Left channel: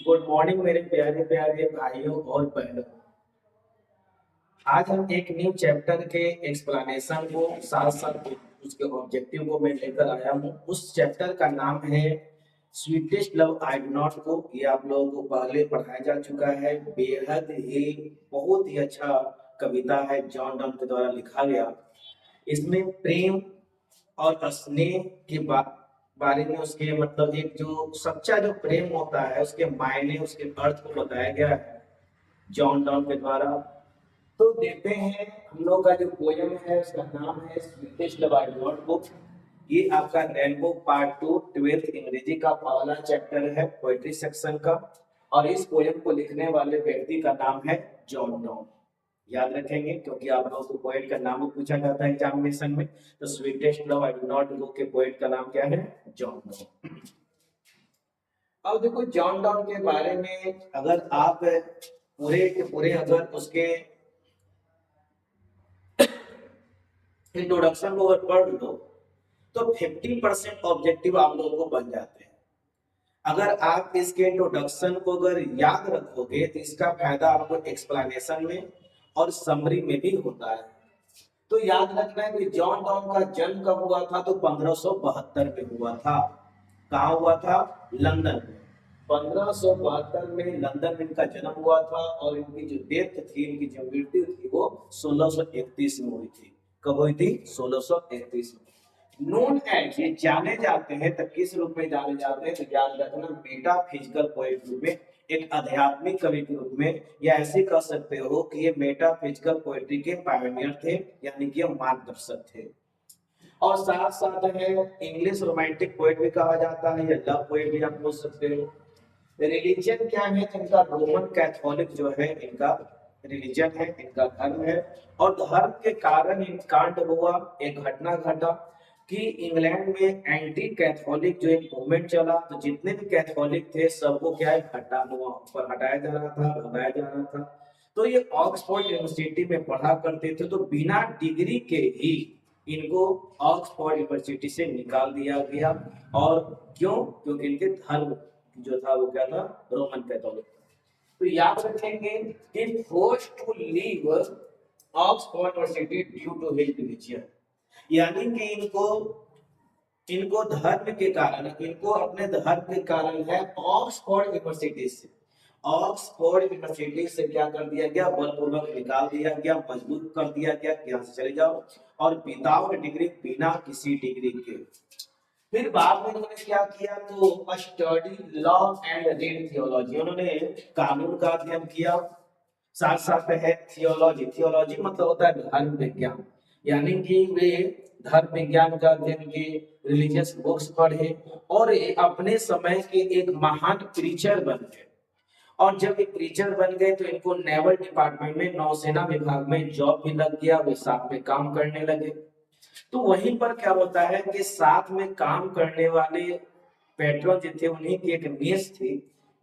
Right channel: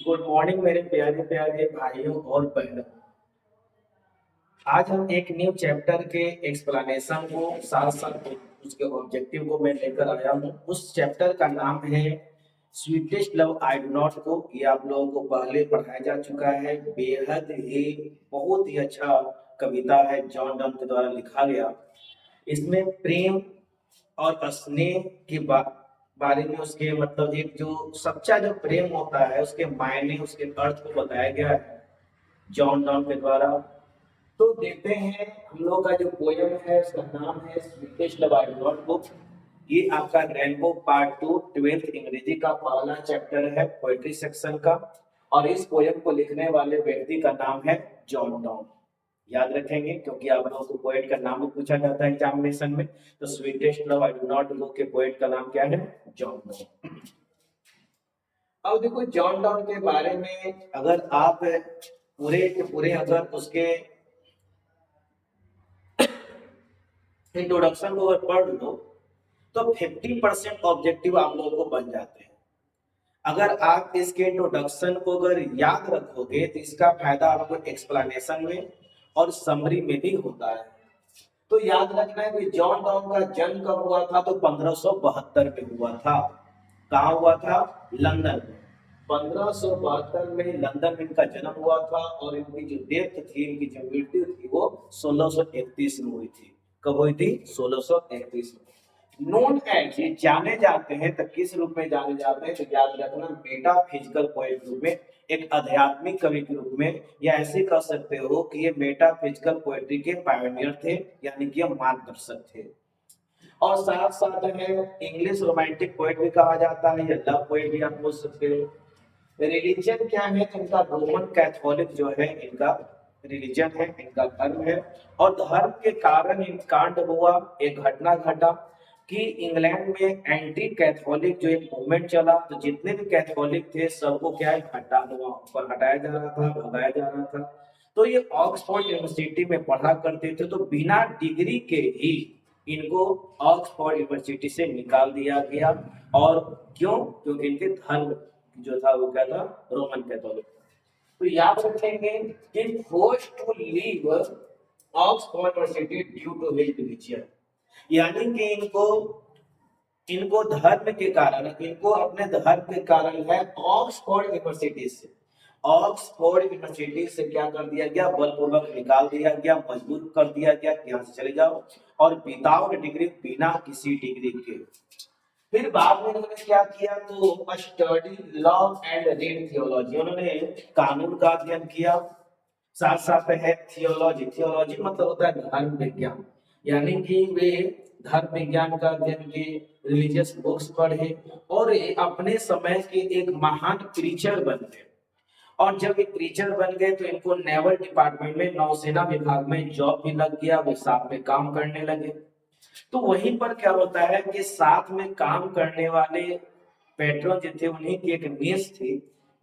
Good morning मेरे प्यारे प्यारे भाइयों और बहनों। आज हम एक न्यू चैप्टर के एक्सप्लेनेशन को साथ साथ उसके ऑब्जेक्टिव को मैं लेकर आया हूँ। उस चैप्टर का नाम है sweetest love I do not को। ये आप लोगों को पहले पढ़ाया जा चुका है। बेहद ही बहुत ही अच्छा कविता है, जॉन डन के द्वारा लिखा गया। इसमें प्रेम और स्नेह के बारे में, उसके मतलब एक जो सच्चा जो प्रेम होता है उसके मायने, उसके अर्थ को बताया गया है जॉन डॉन के द्वारा। तो देखते हैं, हम लोग का जो पोयम है उसका नाम है sweetest love I do not book. ये आपका रेनबो पार्ट टू 12th अंग्रेजी का पहला चैप्टर है पोएट्री सेक्शन का। और इस पोयम को लिखने वाले व्यक्ति का नाम है जॉन डॉन। याद रखेंगे क्योंकि आप लोगों को पोएट का नाम भी पूछा जाता है एग्जामिनेशन में। तो sweetest love I do not book के पोएट का नाम क्या है? John don. अब देखो, जॉन डॉन के बारे में अगर आप पूरे के पूरे अगर उसके इंट्रोडक्शन को अगर पढ़ लो तो 50% ऑब्जेक्टिव आप लोगों को बन जाते हैं। अगर आप इसके इंट्रोडक्शन को अगर याद रखोगे तो इसका फायदा आपको एक्सप्लेनेशन में और समरी में भी होता है। तो याद रखना है कि जॉन डॉन का जन्म कब हुआ था? तो 1572 में हुआ था। कहाँ हुआ था? लंदन में। 1572 में लंदन में इनका जन्म हुआ था और इनकी जो डेथ थी, इनकी जो मृत्यु थी वो 1631 में हुई थी। कब हुई थी? 1631 में। नोन एज, ये जाने जाते हैं तो किस रूप में जाने जाते हैं? तो याद रखना, मेटाफिजिकल पोएट रूप में, एक आध्यात्मिक कवि के रूप में, या ऐसे कह सकते हो कि ये मेटाफिजिकल पोएट्री के पायनियर थे, यानी कि मार्गदर्शक थे। और साथ साथ है इंग्लिश रोमांटिक पोएट भी कहा जाता है, या लव पोएट भी आप बोल सकते हो। रिलीजन क्या है? तो इनका रोमन कैथोलिक जो है इनका रिलीजन है, इनका धर्म है। और धर्म के कारण इन कांड हुआ, एक घटना घटा कि इंग्लैंड में एंटी कैथोलिक जो एक मूवमेंट चला। तो जितने भी कैथोलिक थे सबको क्या है, हटाया जा रहा था, भगाया जा रहा था। तो ये ऑक्सफोर्ड यूनिवर्सिटी में पढ़ा करते थे, तो बिना डिग्री के ही इनको ऑक्सफोर्ड यूनिवर्सिटी से निकाल दिया गया। और क्यों? क्योंकि इनके धर्म जो था वो क्या था? Roman Catholic. तो याद रखेंगे कि force to leave Oxford University due to his religion, यानी कि इनको इनको धर्म के कारण, इनको अपने धर्म के कारण है ऑक्सफोर्ड यूनिवर्सिटी से, ऑक्सफोर्ड यूनिवर्सिटी से क्या कर दिया गया? बलपूर्वक निकाल दिया गया, मजबूर कर दिया गया कि यहाँ से चले जाओ। और विदाउट डिग्री, बिना किसी डिग्री के। फिर बाद में उन्होंने क्या किया? तो study law and read theology, उन्होंने कानून का अध्ययन किया। साथ साथ है थियोलॉजी, थियोलॉजी मतलब होता है धर्म विज्ञान, यानी कि वे धर्म विज्ञान का अध्ययन किए, रिलीजियस बुक्स पढ़े, और ये अपने समय के एक महान प्रीचर बन गए। और जब ये प्रीचर बन गए तो इनको नेवल डिपार्टमेंट में, नौसेना विभाग में जॉब भी लग गया, वे साथ में काम करने लगे। तो वहीं पर क्या होता है कि साथ में काम करने वाले पेट्रोन जो थे, उन्हीं की एक नियस थी,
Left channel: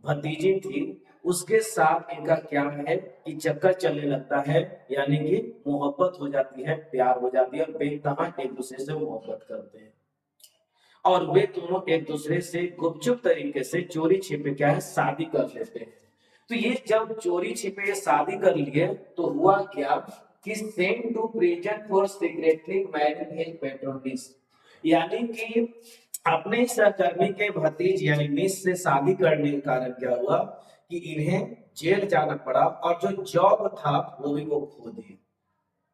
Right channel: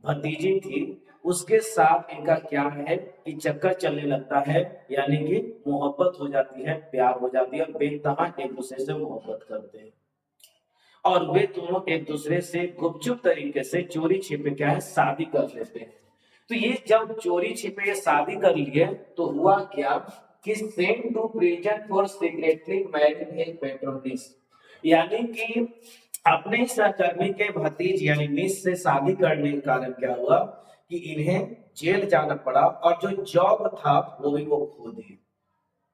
भतीजी थी। उसके साथ इनका क्या है कि चक्कर चलने लगता है, यानी कि मोहब्बत हो जाती है, प्यार हो जाती है, बेतहा एक दूसरे से मोहब्बत करते हैं। और वे दोनों एक दूसरे से गुपचुप तरीके से चोरी छिपे क्या है, शादी कर लेते हैं। तो ये जब चोरी छिपे शादी कर लिए तो हुआ क्या कि sent to prison for secretly marrying his patron's niece, यानी कि अपने सहकर्मी के भतीज यानी मिस से शादी करने के कारण क्या हुआ कि इन्हें जेल जाना पड़ा। और जो जॉब था वो भी वो खो दिए।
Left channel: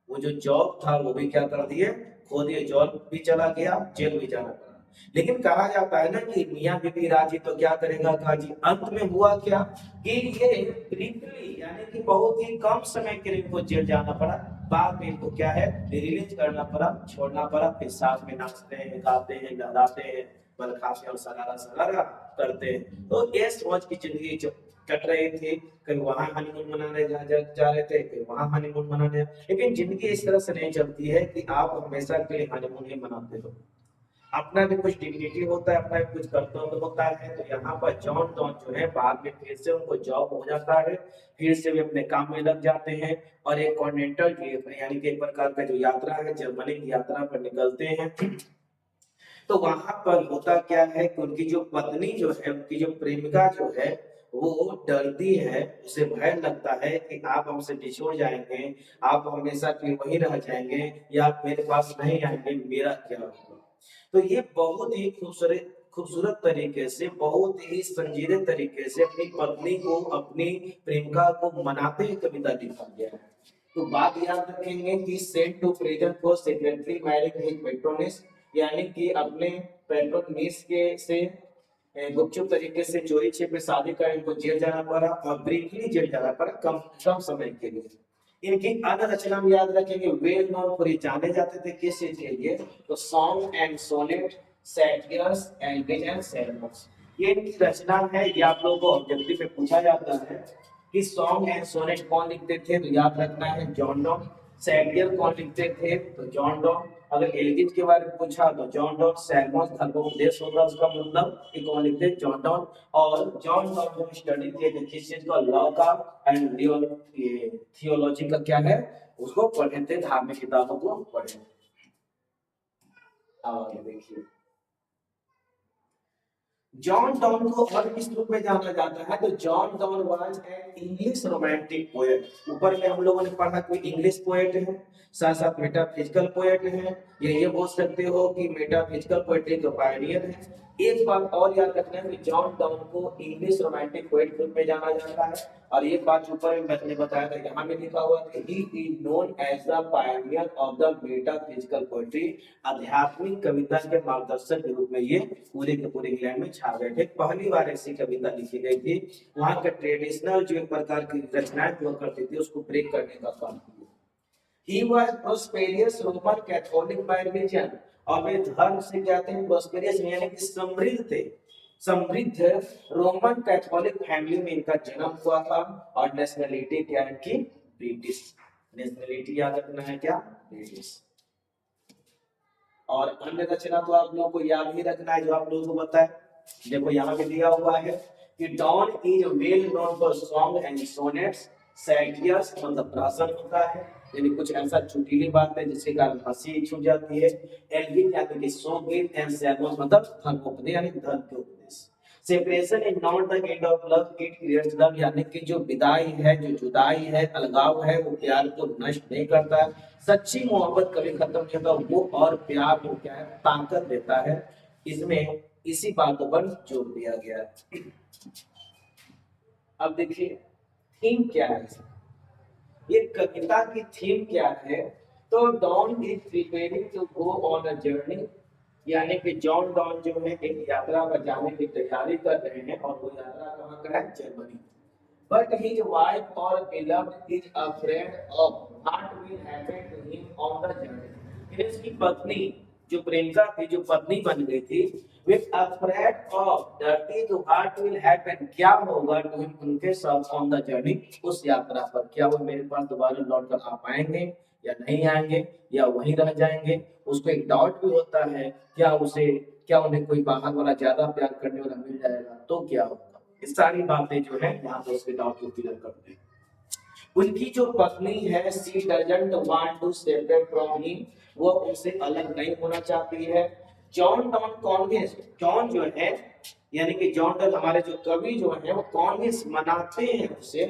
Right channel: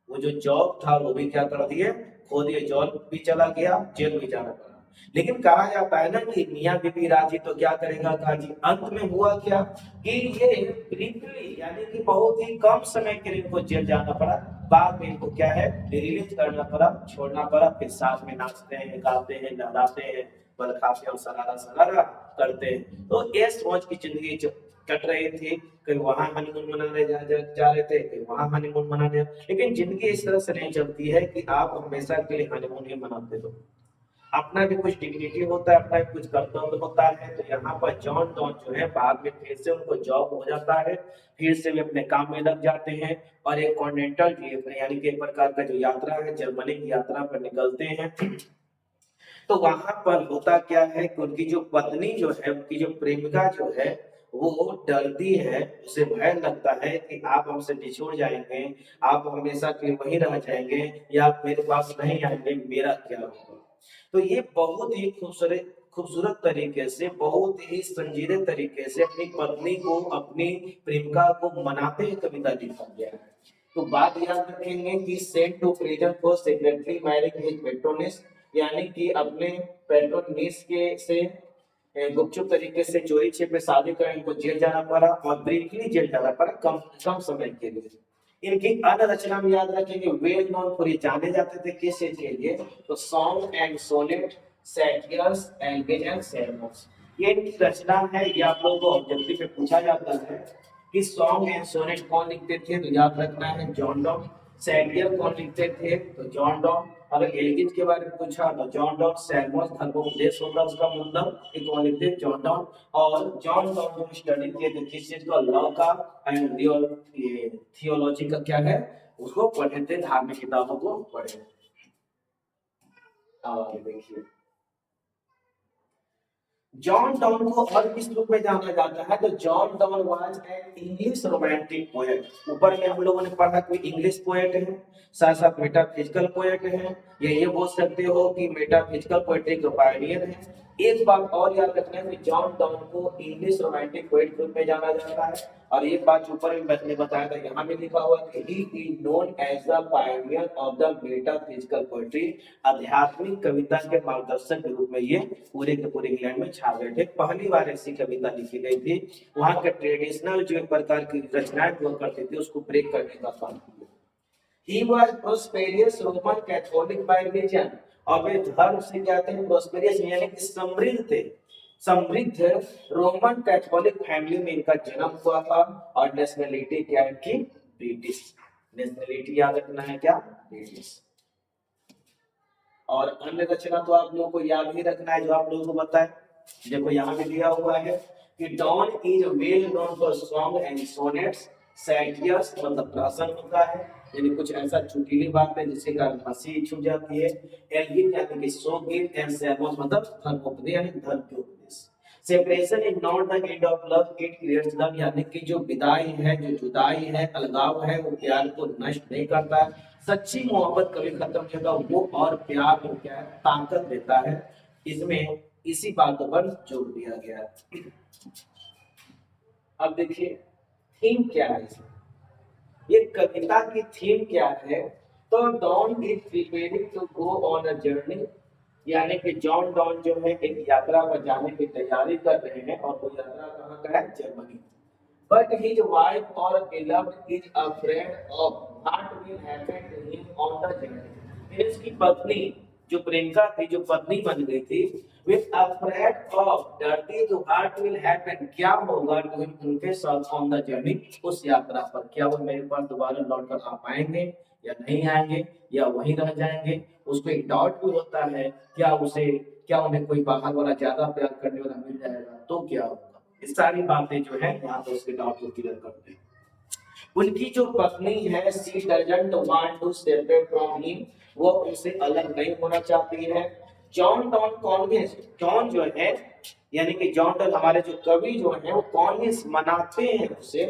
वो जो जॉब था वो भी क्या कर दिए? खो दिए। जॉब भी चला गया, जेल भी जाना पड़ा। लेकिन कहा जाता है ना कि मियाँ बीबी राजी तो क्या करेगा काजी। अंत में हुआ क्या कि ये ब्रीफली, यानी कि बहुत ही कम समय के लिए इनको जेल जाना पड़ा। बाद में इनको क्या है, रिलीज करना पड़ा, छोड़ना पड़ा। फिर साथ में नाचते हैं, गाते हैं, लहराते हैं, बल खाते और सरारा सरारा करते हैं। तो ये सोच की जिंदगी कट रही थी। कहीं वहां हनीमून मनाने जा रहे थे, कहीं वहां हनीमून मनाने। लेकिन जिंदगी इस तरह से नहीं चलती है कि आप हमेशा के लिए हनीमून ही मनाते हो। अपना भी कुछ डिग्निटी होता है, अपना भी कुछ कर्तव्य होता है। तो यहाँ पर जॉन डॉन जो है बाद में फिर से उनको जॉब हो जाता है, फिर से वे अपने काम में लग जाते हैं। और एक कॉन्टिनेंटल ट्रिप यानी कि एक प्रकार का जो यात्रा है, जर्मनी की यात्रा पर निकलते हैं। तो वहां पर होता क्या है कि उनकी जो पत्नी जो है, उनकी जो प्रेमिका जो है, वो डरती है, उसे भय लगता है कि आप हमसे बिछुड़ जाएंगे, आप हमेशा के लिए वहीं रह जाएंगे, या आप मेरे पास नहीं आएंगे, मेरा क्या होगा। तो ये बहुत ही खूबसूरत खूबसूरत तरीके से, बहुत ही संजीदे तरीके से अपनी पत्नी को, अपनी प्रेमिका को मनाते हुए कविता लिखा गया है। तो बात याद रखेंगे कि sent to prison for secretary marriage with patron's niece, यानी कि अपने पेट्रोनिस के से गुपचुप तरीके से चोरी छिपे शादी कर इनको जेल जाना पड़ा, और ब्रीफली जेल जाना पड़ा, कम कम समय के लिए। इनकी अन्य रचना में याद रखेंगे, वेल नोन फॉर, ये जाने जाते थे किस चीज के लिए, तो song and sonnet, satires and and ceremonies. ये इनकी रचना है, ये आप लोगों को ऑब्जेक्टिव में पूछा जाता है कि सॉन्ग एंड सोनेट कौन लिखते थे, तो याद रखना है जॉन डॉन। सैटियर कौन लिखते थे, तो जॉन डॉन। अगर एलिजिन के बारे में पूछा तो जॉन डॉन। सैलमोस धर्मोपदेश होगा उसका मतलब, कि कौन लिखते हैं, जॉन डॉन। और जॉन डॉन जो स्टडी किए थे किस चीज का, लव का एंड थियोलॉजी का क्या है, उसको पढ़े थे, धार्मिक किताबों को पढ़े। और देखिए जॉन डॉन को और किस रूप में जाना जाता है, तो John Donne was an English romantic poet. ऊपर में हम लोगों ने पढ़ा कोई इंग्लिश पोएट है, साथ साथ मेटाफिजिकल पोएट है, या ये बोल सकते हो कि मेटाफिजिकल पोएट्री के पायनियर है। एक बात और याद रखना है कि जॉन डॉन को इंग्लिश रोमांटिक पोएट के रूप में जाना जाता है। और ये बात ऊपर में मैंने बताया था, यहाँ में लिखा हुआ कि he is known as the pioneer of the metaphysical poetry. आध्यात्मिक कविता के मार्गदर्शक के रूप में ये पूरे के पूरे इंग्लैंड में छा गए थे। पहली बार ऐसी कविता लिखी गई थी, वहां के ट्रेडिशनल जो एक प्रकार की रचनाएं हुआ करती थी उसको ब्रेक करने का काम किया। He was prosperous Roman Catholic by religion, और वे धर्म से क्या थे, prosperous यानी कि समृद्ध थे, समृद्ध रोमन कैथोलिक फैमिली में इनका जन्म हुआ था। और नेशनलिटी क्या है कि ब्रिटिश। नेशनलिटी याद रखना है क्या, ब्रिटिश। और अन्य रचना तो आप लोगों को याद ही रखना है जो आप लोगों को बताए। देखो यहाँ पे दिया हुआ है कि Donne is well known for song and sonnets. Satires मतलब प्रासन होता है, यानी कुछ ऐसा चुटीली बात है जिसके कारण हंसी छूट जाती है। एल्गिन यानी कि शोक एंड सैमोस मतलब धर्मोपदेश यानी धर्म के उपदेश। Separation is not the end of love, it creates love, यानी कि जो विदाई है, जो जुदाई है, अलगाव है, वो प्यार को नष्ट नहीं करता। सच्ची मोहब्बत कभी खत्म नहीं होता, वो और प्यार को क्या है, ताकत देता है। इसमें इसी बातों पर जोर दिया गया है। अब देखिए थीम क्या है, ये कविता की थीम क्या है, तो Donne is preparing to go on a journey, यानी कि जॉन डॉन जो है एक यात्रा पर जाने की तैयारी कर रहे हैं, और वो यात्रा कहाँ का है, जर्मनी। बट हिज वाइफ और beloved is afraid of what will happen to him on the journey। फिर उसकी पत्नी जो प्रेमिका थी, जो पत्नी बन गई थी, with afraid of डरती, तो what will happen क्या होगा to him उनके साथ on the journey उस यात्रा पर, क्या वो मेरे पास दोबारा लौट कर आ पाएंगे या नहीं आएंगे, या वहीं रह जाएंगे। उसको एक डाउट भी होता है, क्या उन्हें कोई बाहर वाला ज्यादा प्यार करने वाला मिल जाएगा तो क्या होगा। ये सारी बातें जो है यहाँ पे उसके डाउट को क्लियर करते हैं। उनकी जो पत्नी है, she doesn't want to separate from him, वो उनसे अलग नहीं होना चाहती है। जॉन डॉन कॉन्विंस, जॉन जो है यानी कि जॉन डॉन हमारे जो कवि जो है वो कॉन्विंस मनाते हैं उसे,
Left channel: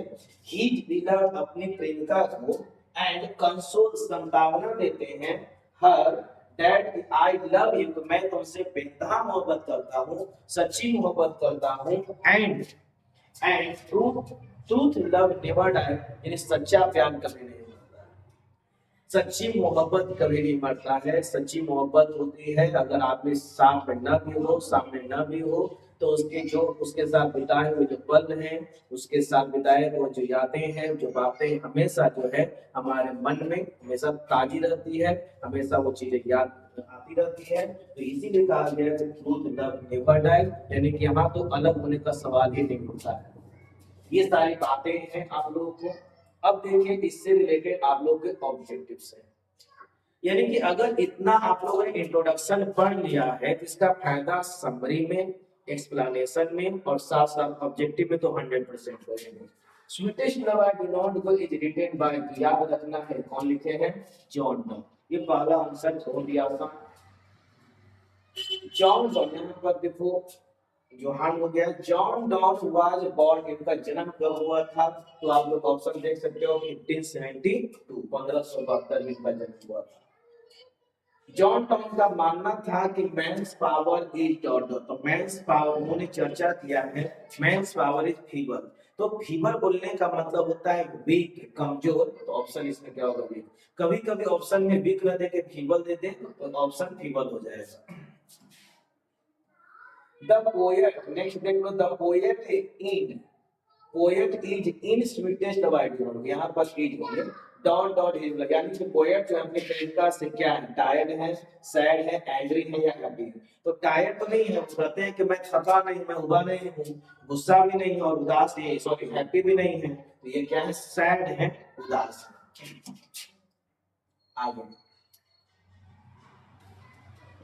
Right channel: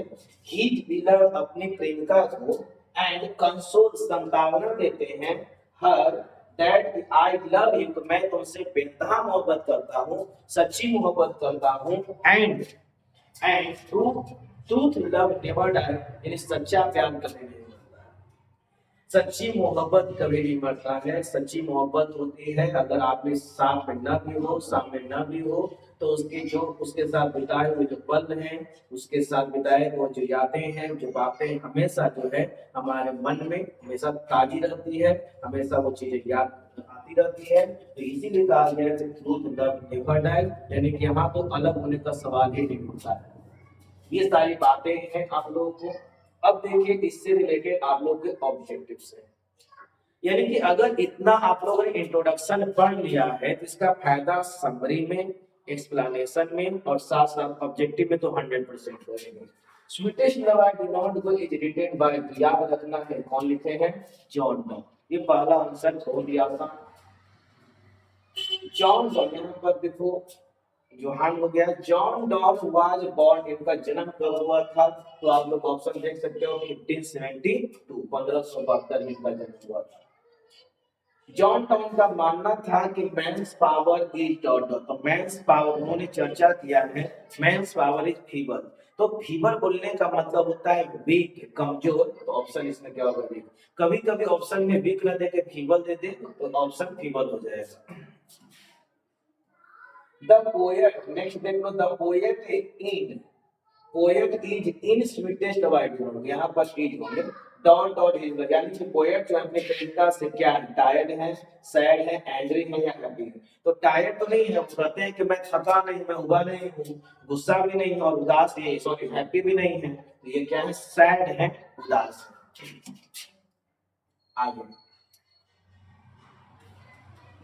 ही बिलव अपनी प्रेमिका को, एंड कंसोल संतावना देते हैं, her that I love you, मैं तुमसे बेतहा मोहब्बत करता हूँ, सच्ची मोहब्बत करता हूँ। And truth love never die, यानी सच्चा प्यार कभी नहीं मरता है, सच्ची मोहब्बत कभी नहीं मरता है। सच्ची मोहब्बत होती है अगर आदमी साथ में न भी हो, सामने न भी हो, तो उसके साथ बिताए हुए जो पल हैं, उसके साथ बिताए हुए जो यादें हैं, जो बातें हमेशा जो है हमारे मन में हमेशा ताजी रहती है, हमेशा वो चीजें याद आती रहती है। तो इसीलिए कहा गया है ट्रूथ लव नेवर डाई, यानी कि यहाँ तो अलग होने का सवाल ही नहीं होता है। ये सारी बातें हैं आप लोगों को। अब देखिए इससे रिलेटेड आप लोगों के ऑब्जेक्टिव्स हैं, यानी कि अगर इतना आप लोगों ने इंट्रोडक्शन पढ़ लिया है तो इसका फायदा समरी में, एक्सप्लेनेशन में और साथ साथ ऑब्जेक्टिव में तो 100% होगा। Sweetest love I do not go is written by, याद रखना है कौन लिखे हैं, जॉन डॉन। ये पहला आंसर छोड़ दिया था। जॉन डॉन, यहाँ पर देखो जोहान हो गया, जॉन डॉन वाज बॉर्न, इनका जन्म कब हुआ था? तो आप लोग ऑप्शन देख सकते हो 1572, 1572 में इनका जन्म हुआ था। जॉन डॉन का मानना था कि men's power is dot dot, तो मेंस पावर उन्होंने चर्चा किया है, मेंस पावर इज फीवर। तो फीवर बोलने का मतलब होता है वीक, कमजोर, तो ऑप्शन इसमें क्या होगा? वीक। कभी कभी ऑप्शन में वीक न दे के फीवर दे दे तो ऑप्शन फीवर हो जाएगा। द पोएट, नेक्स्ट देख लो, the poet in, poet is in sweetest white, यहाँ पर इज होंगे डॉट डॉट इज, यानी कि पोएट जो अपने प्रेमिका से क्या है? टायर्ड है, सैड है, एंग्री है या हैप्पी है? तो टायर्ड तो नहीं है, वो कहते हैं कि मैं थका नहीं, मैं उबा नहीं हूँ, गुस्सा भी नहीं और उदास नहीं, सॉरी हैप्पी भी नहीं है, तो ये क्या है? सैड है, उदास है। आगे,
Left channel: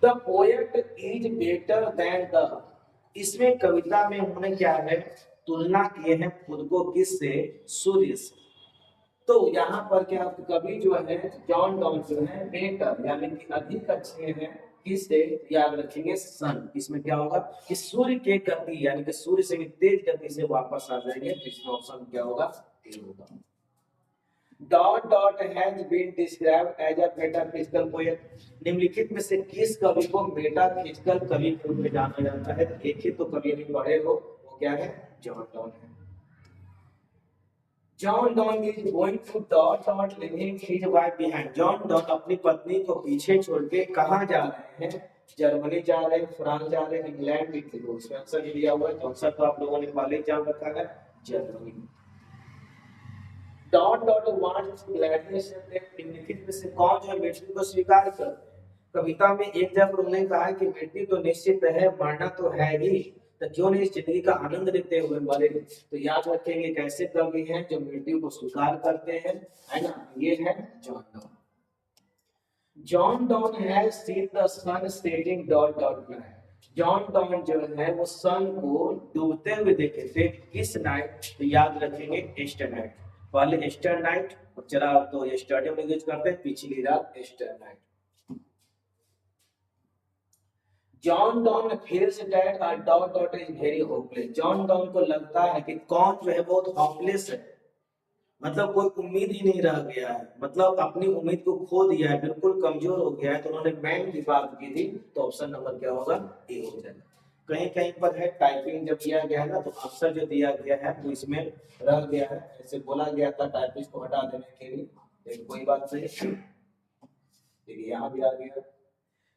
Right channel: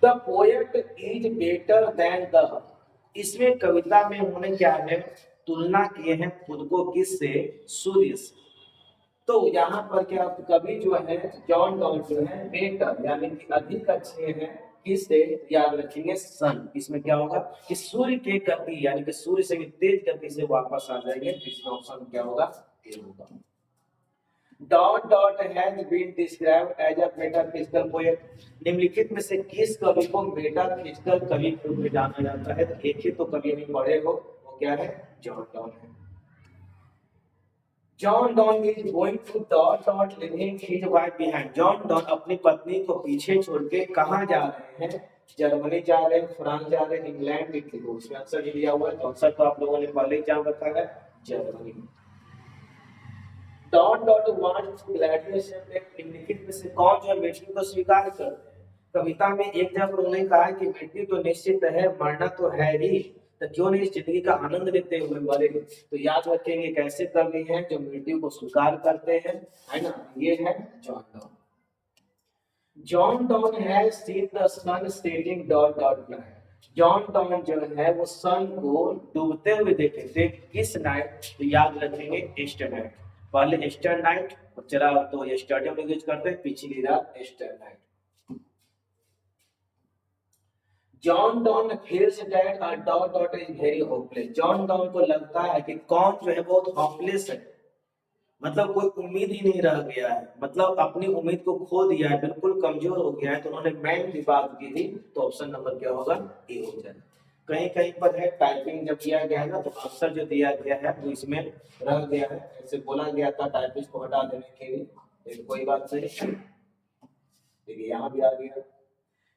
the poet is better than the, इसमें कविता में उन्होंने क्या है? तुलना किए हैं खुद को किससे? सूर्य से। तो यहाँ पर क्या कवि जो है जॉन डॉन जो है बेटर यानी कि अधिक अच्छे हैं किससे? याद रखेंगे सन। इसमें क्या होगा कि सूर्य के गति यानी कि सूर्य से भी तेज गति से वापस आ जाएंगे, तो इसमें ऑप्शन क्या होगा? ए होगा। Dot dot has been described as a metaphysical poet, निम्नलिखित में से किस कवि को मेटाफिजिकल कवि के रूप में जाना जाता है? तो एक ही तो कवि नहीं पढ़े हो, वो क्या है? जॉन डॉन है। John Donne is going to dot dot living his wife behind, John Donne अपनी पत्नी को पीछे छोड़ के कहाँ जा रहे हैं? जर्मनी जा रहे हैं, फ्रांस जा रहे हैं, इंग्लैंड भी थे, उसमें आंसर दिया हुआ है, तो आंसर तो आप लोगों ने पहले ही जान रखा है, Germany. Dot dot wants to gladly celebrate, निम्नलिखित में से कौन जो मृत्यु को स्वीकार करते हैं? कविता में एक जगह उन्होंने कहा है कि मृत्यु तो निश्चित है, मरना तो है ही, तो क्यों नहीं इस जिंदगी का आनंद लेते हुए मरे? तो याद रखेंगे कैसे कवि हैं जो मृत्यु को स्वीकार करते हैं, है ना? ये है John Donne. John Donne has seen the sun setting dot dot night, John Donne जो है वो सन को डूबते हुए देखे थे किस नाइट? तो याद रखेंगे ईस्टर नाइट, पहले ईस्टर नाइट और चला तो यस्टरडे में यूज करते हैं, पिछली रात Easter night. John don feels that a dot dot is very hopeless, John Donne को लगता है कि कौन जो है बहुत होपलेस है, मतलब कोई उम्मीद ही नहीं रह गया है, मतलब अपनी उम्मीद को खो दिया है, बिल्कुल कमजोर हो गया है, तो उन्होंने मैन की बात की थी, तो ऑप्शन नंबर क्या होगा? ए हो जाएगा। कहीं कहीं पर है टाइपिंग जब किया गया है ना, तो आंसर जो दिया गया है वो इसमें रह गया है, ऐसे बोला गया था टाइपिस्ट को हटा देने के लिए, लेकिन कोई बात नहीं, देखिए यहाँ भी आ गया।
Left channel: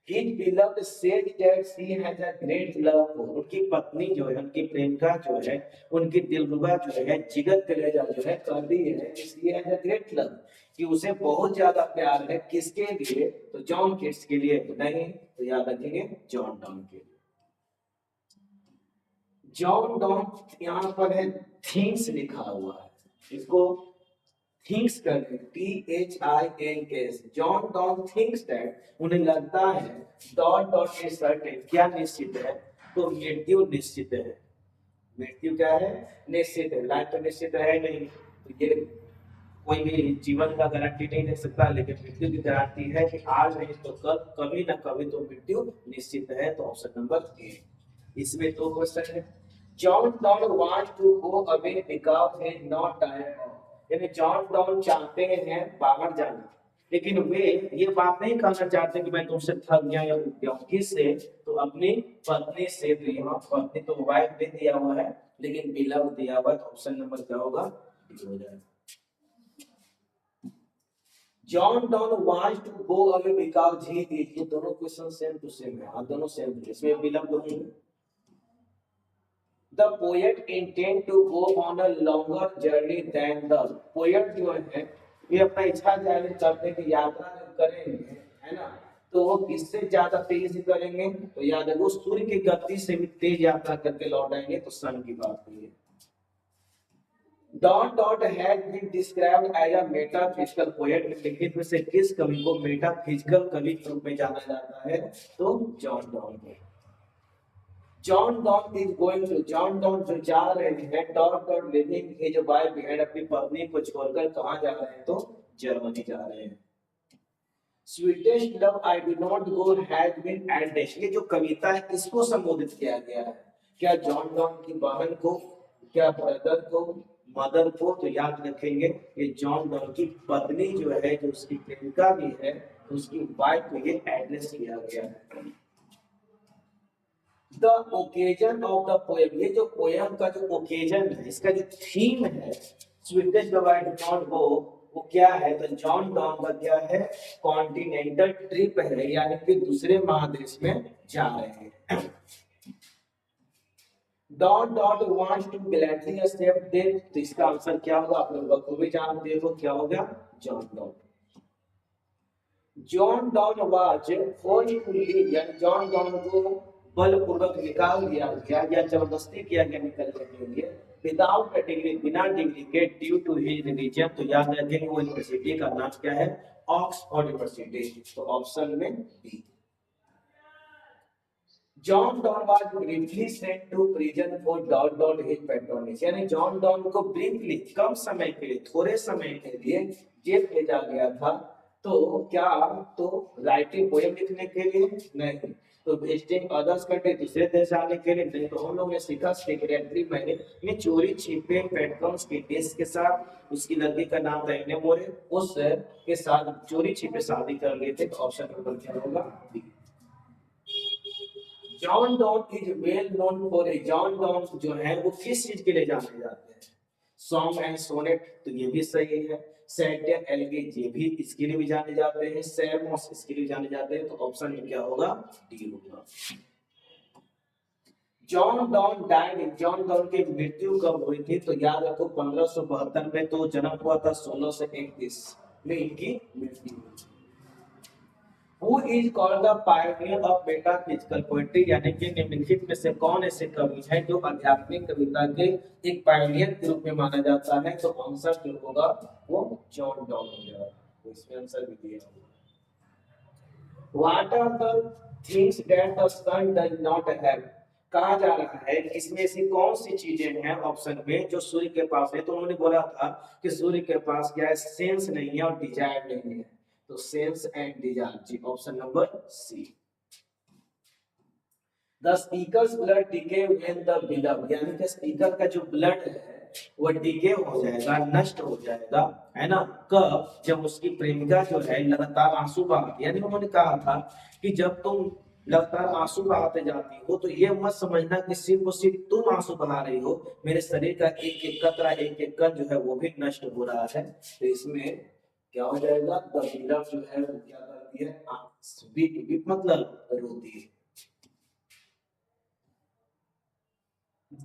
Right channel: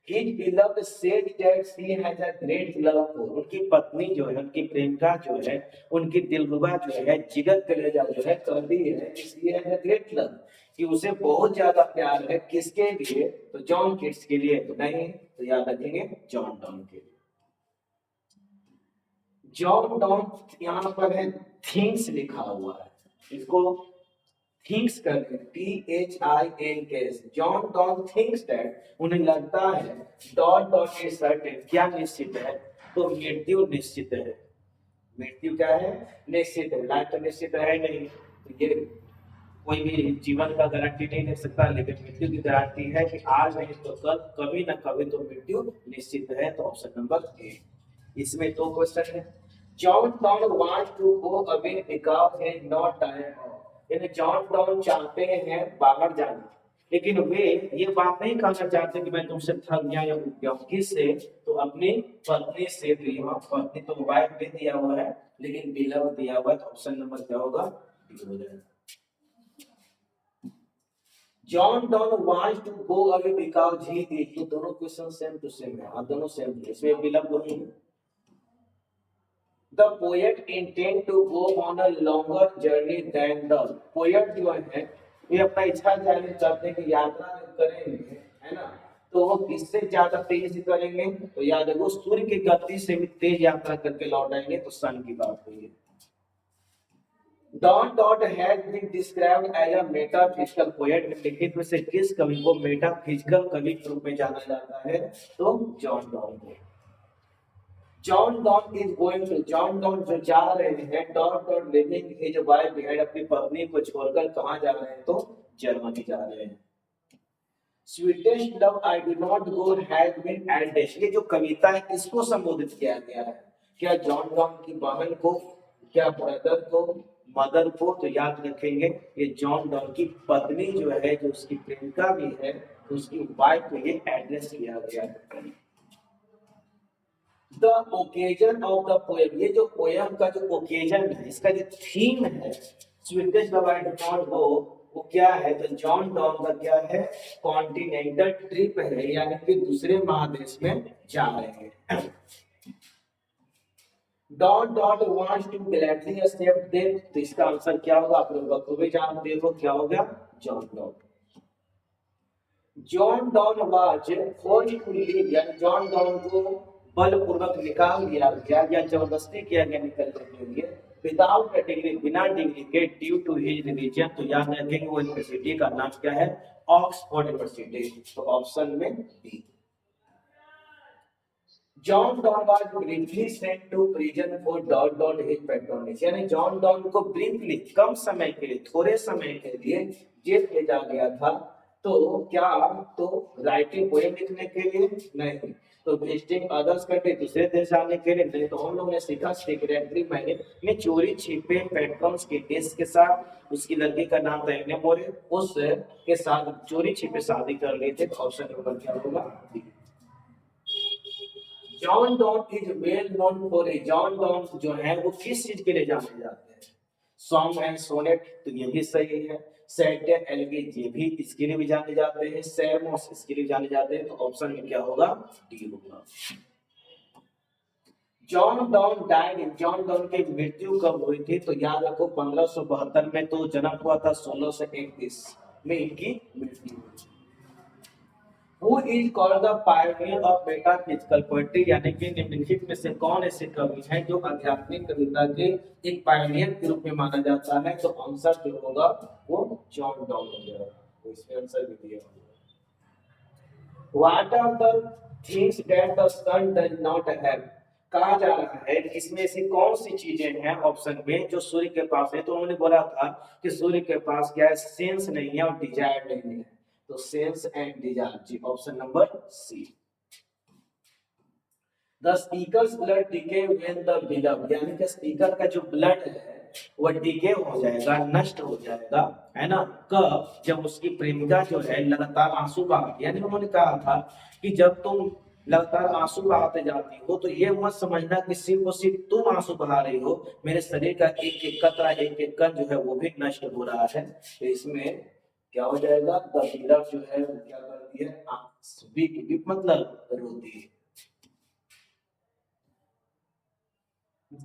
His beloved said that she has a great love for, उनकी पत्नी जो है, उनकी प्रेमिका जो है, उनकी दिलरुबा जो है, जिगर कलेजा जो है, कहती है इसलिए है ग्रेट लव कि उसे बहुत ज्यादा प्यार है, किसके लिए? तो जॉन किट्स के लिए, तो नहीं, तो याद रखेंगे जॉन डॉन के लिए। जॉन डॉन यहाँ पर है थिंग्स लिखा हुआ है, इसको थिंक्स करके THINKS, John Donne thinks that, उन्हें लगता है डॉट डॉट इज सर्टेन, क्या निश्चित है? तो मृत्यु निश्चित है, मृत्यु क्या है? निश्चित है, लाइफ तो निश्चित है नहीं, तो ये कोई भी जीवन का गारंटी नहीं दे सकता, लेकिन मृत्यु की गारंटी है कि आज नहीं तो कल, कभी ना कभी तो मृत्यु निश्चित है, तो ऑप्शन नंबर ए। इसमें दो क्वेश्चन है। John Donne want to go away because he is not tired of, यानी जॉन डॉन चाहते हैं बाहर जाना, लेकिन वे ये बात नहीं कहना चाहते कि मैं तुमसे थक गया या उठ गया, किससे? तो अपनी पत्नी से, तो यहाँ पत्नी तो वाइफ भी दिया हुआ है, लेकिन बिलव दिया हुआ है, तो ऑप्शन नंबर क्या होगा? बी हो जाएगा। John Donne wants to go away because he is, ये दोनों क्वेश्चन सेम टू सेम है, आप दोनों सेम, इसमें बिलव दोनों है। The poet intend to go on a longer journey than the, poet जो है ये अपना इच्छा जाहिर करने की यात्रा करेंगे, है ना? तो वो किससे ज्यादा तेज करेंगे? तो याद है वो सूर्य की गति से भी तेज यात्रा करके लौट आएंगे, तो सन की बात हुई है। Dot dot has been described as a metaphysical poet, निम्नलिखित में से किस कवि को मेटाफिजिकल कवि के रूप में जाना जाता है? तो जॉन डॉन को। John Donne is going to, John Donne जो जा रहे हैं, dot dot living his wife behind, अपनी पत्नी को छोड़कर कहां जा रहे हैं? तो जर्मनी जा रहे हैं। Sweetest love I do not go has been eldest, ये जो कविता है किसको संबोधित किया गया है? क्या जॉन डॉन की बहन को, क्या ब्रदर को, मदर को? तो याद रखेंगे ये जॉन डॉन की पत्नी जो है, जो उसकी प्रेमिका भी है, उसकी वाइफ को ये एड्रेस किया गया है। The occasion of the poem, ये जो पोएम का जो ओकेजन है, इसका जो थीम है, sweetest love I do not गो, वो क्या है? तो जॉन डॉन का क्या है? कॉन्टिनेंटल ट्रिप है, यानी कि दूसरे महादेश में जा रहे हैं। Dot dot wants to gladly accept death, तो इसका आंसर क्या होगा? आप लोग बखूबी जानते हो क्या होगा? John Donne. John Donne was forcefully, यानी जॉन डॉन को बलपूर्वक निकाल दिया गया या जबरदस्ती किया गया निकलने के लिए, विदाउट ए डिग्री, बिना डिग्री के, ड्यू टू हिज रिलीजन। तो याद रखेंगे वो यूनिवर्सिटी का नाम क्या है? Oxford university. तो ऑप्शन में B. John Donne was briefly sent to prison for dot dot his patronage, यानी जॉन डॉन को ब्रीफली, कम समय के लिए, थोड़े समय के लिए जेल भेजा गया था। तो क्या? तो राइटिंग पोएम लिखने के लिए नहीं, तो विजिटिंग अदर्स कंट्री, दूसरे देश जाने के लिए नहीं। तो हम लोग ने सीखा सेक्रेटरी में चोरी छिपे पेट्रॉन्स के देश के साथ, उसकी लड़की का नाम था एने मोरे, उस के साथ चोरी छिपे शादी कर लेते। तो ऑप्शन नंबर क्या होगा? John Donne is well known for a, John Donne जो है वो किस चीज के लिए जाने जाते हैं? सॉन्ग एंड सोनेट, तो ये भी सही है। सैटियर एलिगेट, ये भी इसके लिए भी जाने जाते हैं। सेरमोस, इसके लिए जाने जाते हैं। तो ऑप्शन में क्या होगा? डी होगा। John Donne died, John Donne की मृत्यु कब हुई थी? तो याद रखो 1572 में तो जन्म हुआ था, 1631 में इनकी मृत्यु हुई थी। Who is called the pioneer of metaphysical poetry, यानी कि निम्नलिखित में से कौन ऐसे कवि हैं जो आध्यात्मिक कविता के एक पायनियर के रूप में माना जाता है? तो आंसर जो होगा वो जॉन डॉन हो जाएगा। तो इसमें आंसर भी दिया होगा। What are the things that the sun does not have, कहा जा रहा है कि इसमें से कौन सी चीजें हैं ऑप्शन में जो सूर्य के पास है? तो उन्होंने बोला था कि सूर्य के पास क्या है? सेंस नहीं है और डिजायर नहीं है। तो सेंस एंड डिजायर, जी option number C. The speaker's blood decay when the beloved, यानी कि स्पीकर का जो ब्लड है वो डिके हो जाएगा, नष्ट हो जाएगा, है ना? कब? जब उसकी प्रेमिका जो है लगातार आंसू बहाती, यानी उन्होंने कहा था कि जब तुम लगातार आंसू बहाते जाती हो तो ये मत समझना कि सिर्फ और सिर्फ तुम आंसू बहा रही हो, मेरे शरीर का एक एक कतरा, एक एक कण जो है वो भी नष्ट हो रहा है। तो इसमें क्या हो जाएगा? द बिलव जो है वो क्या करती है? वीप, वीप मतलब रोती है।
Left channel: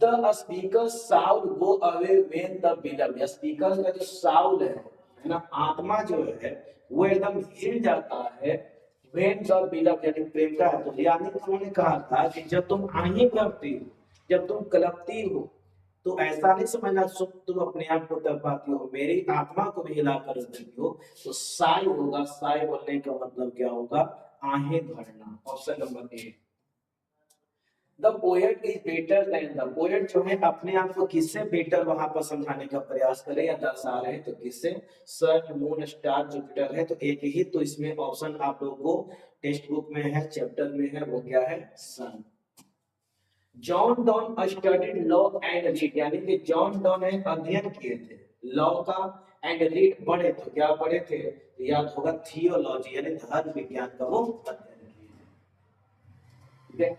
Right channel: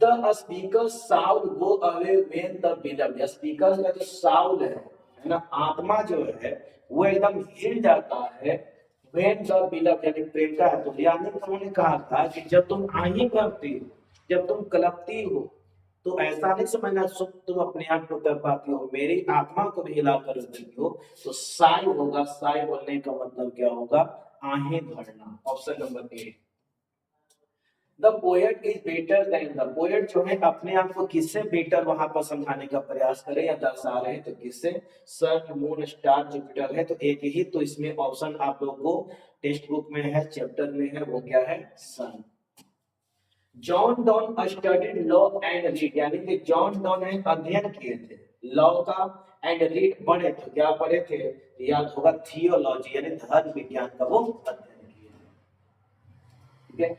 The speaker sound go away when the बिलव, speaker का जो साउंड है ना, आत्मा जो है वो एकदम हिल जाता है व्हेन द बिलव, यानी प्रेमिका है। तो यानी कि उन्होंने कहा था कि जब तुम आही करती हो, जब तुम कलपती हो, तो ऐसा नहीं समझना सुख तुम अपने आप को कर पाती हो, मेरी आत्मा को भी हिला कर देती हो। तो साई होगा, साई बोलने का मतलब क्या होगा? आहें भरना। Option number A. The poet is better than, the poet जो है अपने आप को किससे बेटर वहां पर समझाने का प्रयास करे या दर्शा रहे? तो किससे? सन, मून, स्टार, जुपिटर है। तो एक ही, तो इसमें ऑप्शन आप लोगों को टेक्स्ट बुक में है, चैप्टर में है, वो क्या है? Sun. John Donne studied law and read, यानी कि जॉन डॉन ने अध्ययन किए थे लॉ का, एंड रीड पढ़े, तो क्या पढ़े थे? याद होगा थियोलॉजी, यानी धर्म विज्ञान का वो अध्ययन किए थे। ठीक है,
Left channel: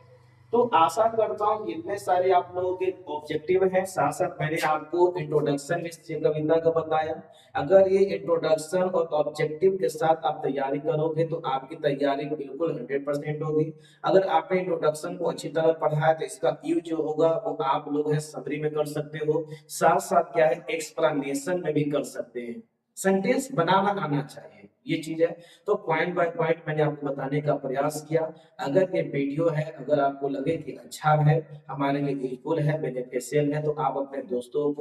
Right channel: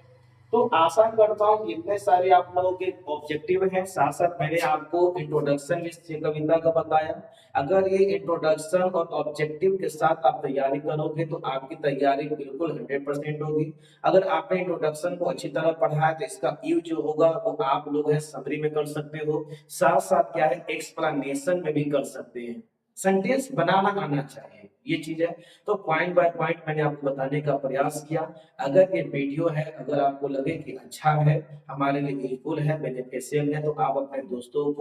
तो आशा करता हूँ इतने सारे आप लोगों के ऑब्जेक्टिव हैं, साथ साथ मैंने आपको इंट्रोडक्शन इस कविता का बताया। अगर ये इंट्रोडक्शन और ऑब्जेक्टिव के साथ आप तैयारी करोगे तो आपकी तैयारी बिल्कुल 100% होगी। अगर आपने इंट्रोडक्शन को अच्छी तरह पढ़ा है तो इसका यूज जो होगा वो आप लोग है समरी में कर सकते हो, साथ साथ क्या है एक्सप्लेनेशन में भी कर सकते हैं। सेंटेंस बनाना आना चाहिए, ये चीज है। तो पॉइंट बाय पॉइंट मैंने आपको बताने का प्रयास किया। अगर ये वीडियो है, अगर आपको लगे कि अच्छा है, हमारे लिए यूजफुल है, बेनिफिशियल है, तो आप अपने दोस्तों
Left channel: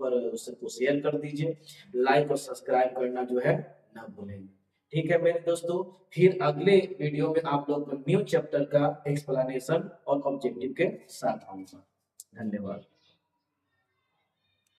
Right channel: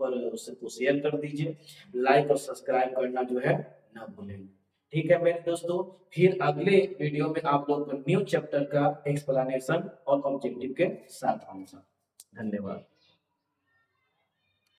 पर उसको शेयर कर दीजिए। लाइक और सब्सक्राइब करना जो है ना भूलें। ठीक है मेरे दोस्तों, फिर अगले वीडियो में आप लोग को न्यू चैप्टर का एक्सप्लेनेशन और ऑब्जेक्टिव के साथ आऊंगा। धन्यवाद।